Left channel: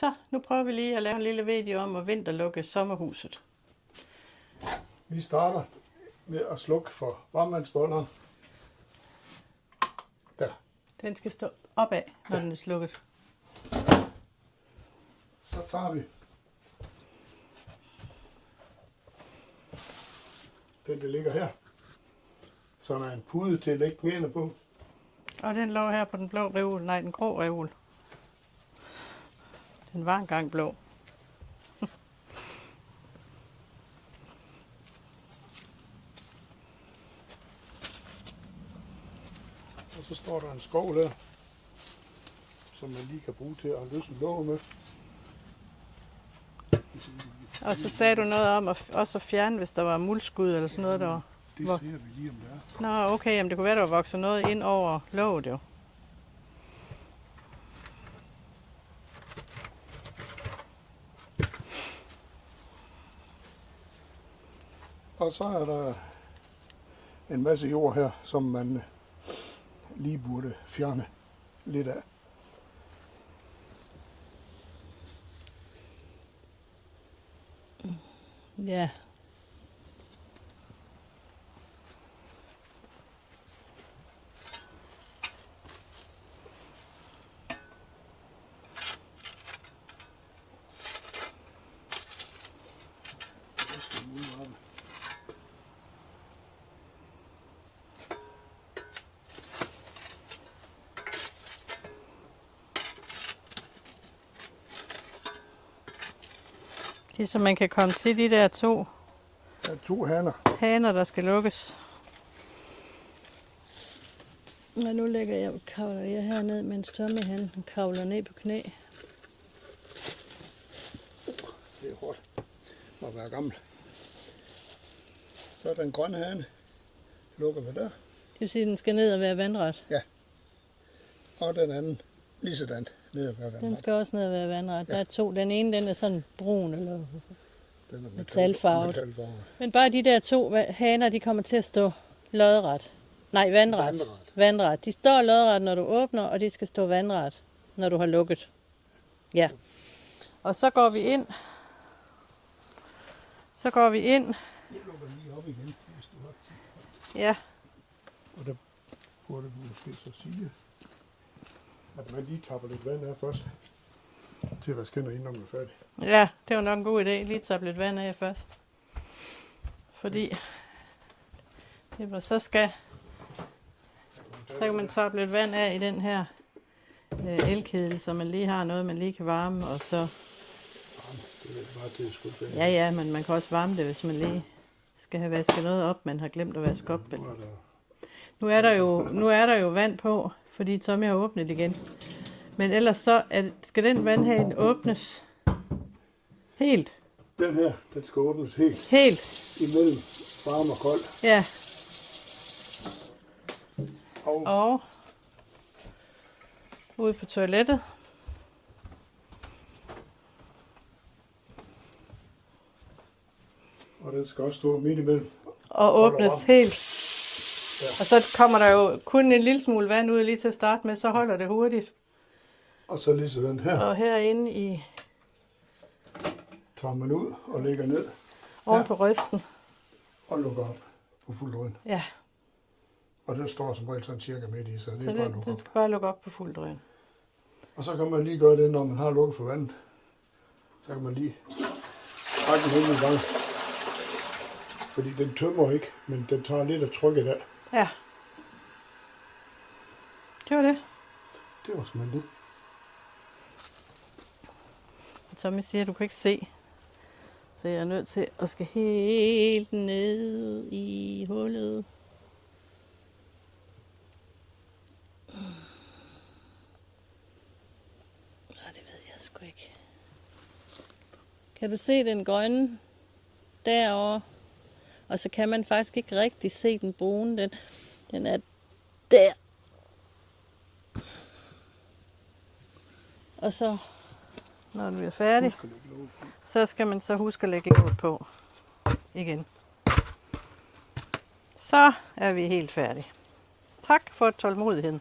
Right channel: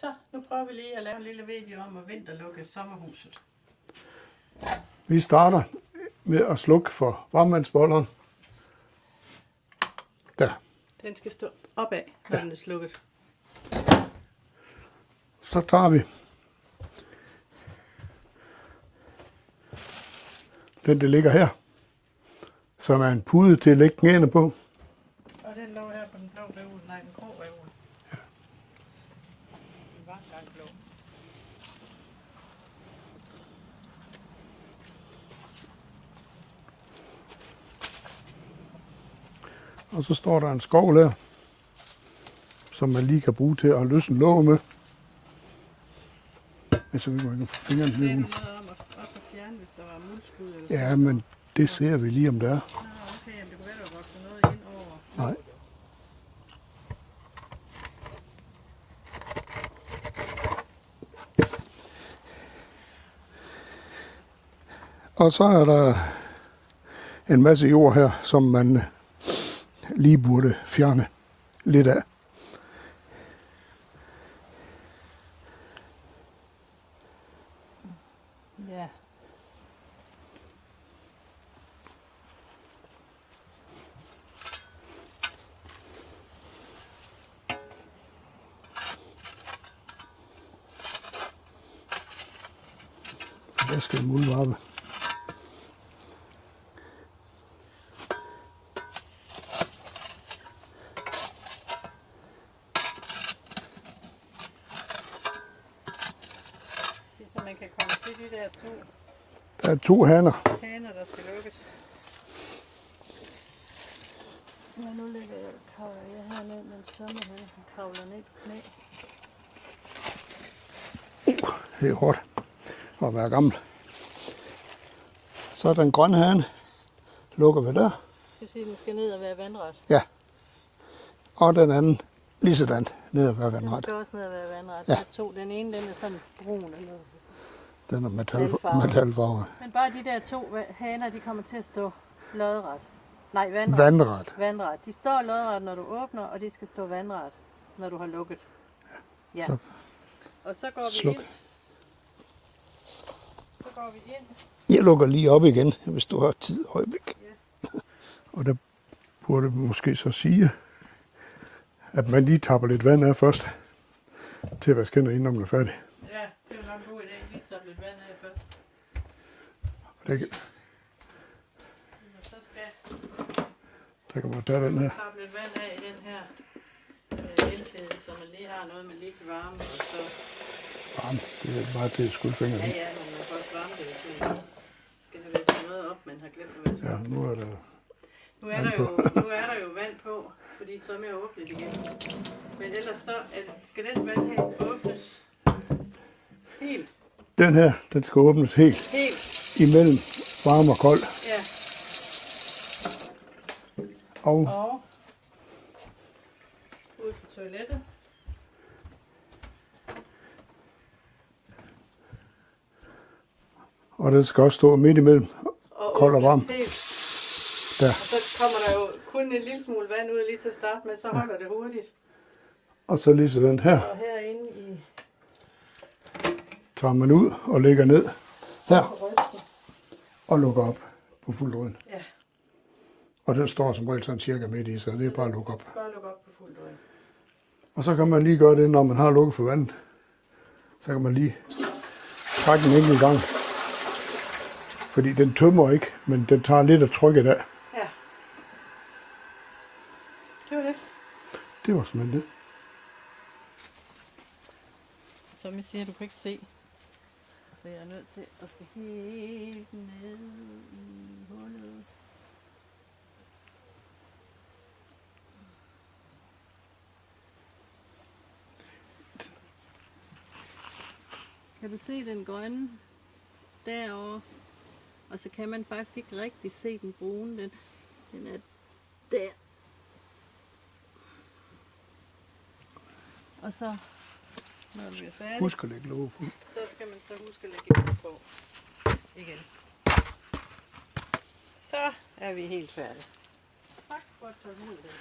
Så, nu prøver vi lige at lave en lille video om at vinterlukke sommerhuset. Vi starter med at slukke for varmvandsbolleren. Der. Den skal stå opad, når den er slukket. Så tager vi den, der ligger her, som er en pude til at lægge knæene på. Og den lå her på den blå reol, nej, den grå reol. Den var engang blå. Og så står der en skovl her, som man lige kan bruge til at løsne låget med. Og så sagde du noget om at også fjerne, hvis der var muldskud eller sådan noget. Ja, men det ser vi lige, om der er. Nå, okay, jamen det kunne være, der var vokset noget ind over låget jo. Og så er der en masse jord her, som man lige burde fjerne lidt af. Ja. Der skal en muldvarpe. Det er så man kan komme til de der to Der er 2 haner, der skal lukkes. Og nu lægger jeg herned, mens Tommy han kravler ned på knæ. Det er hårdt at være gammel. Så er den grønne hane. Lukker vi der. Det vil sige, at den skal ned og være vandret. Ja. Og den anden lige sådan ned og være Den vandret. skal også ned og være vandret. Ja. Der er 2. Den ene den er sådan brun eller Den er metalfarve. Men bare de der 2 haner, de kommer til at stå lodret. Nej, vandret. Vandret. Vandret. De står lodret, når du åbner, og de skal stå vandret, når du har lukket. Ja. Og så går vi ind. Så går vi ind. Jeg lukker lige op igen, hvis du har tid øjeblik. Ja. Og der burde måske så sige, at man lige tapper lidt vand af først, til at vaske hænder, inden man er færdig. Ja, det var nok en god idé. Lige tage lidt vand af først. Fordi det var så skal, Der kan man så kan man tage lidt vand af i den her elkedel, så man lige har noget, man lige kan varme, og så... Varme, det er bare til skuldfingeren. Ja, men man kan også varme det, hvis man lige skal have vasket noget op, man har glemt at vaske op. Nu er der jo vand på, fordi Tommy har åbnet igen. Men ellers så skal den vandhane åbnes helt. Den her, den skal åbnes helt. Helt. Imellem varm og kold. Ja. Og ude på toilettet. Og den skal også stå midt imellem. Og åbnes helt. Der. Og så kommer der jo kun en lille smule vand ud lige til at starte med, så holder det hurtigt. Og så lige sådan her. Og herinde i... Tager man ud og lægger ned. Over på rysten. Og lukker op på fuld drøn. Ja. Og den står som regel sådan cirka midt i, så det er bare at lukke op. Den skal bare lukke op på fuld drøn. Og så kan man lige gøre det, når man har lukket for vandet. Så kan man lige trække den ind i gang. Fordi den tømmer ikke, men den tager lidt af trykket af. Ja. Det var det. Det var simpelthen det. Tommy siger, at du kan ikke se. Så jeg er nødt til at skal helt ned i hullet. Det ved jeg sgu ikke. Kan du se den grønne derovre? Og så kan man faktisk ikke rigtig se den brune. Den er der. Og så, når du er færdig, Husk at lægge låg på. så skal man så huske at lægge låg på igen. Så er vi helt færdige. Tak for tålmodigheden.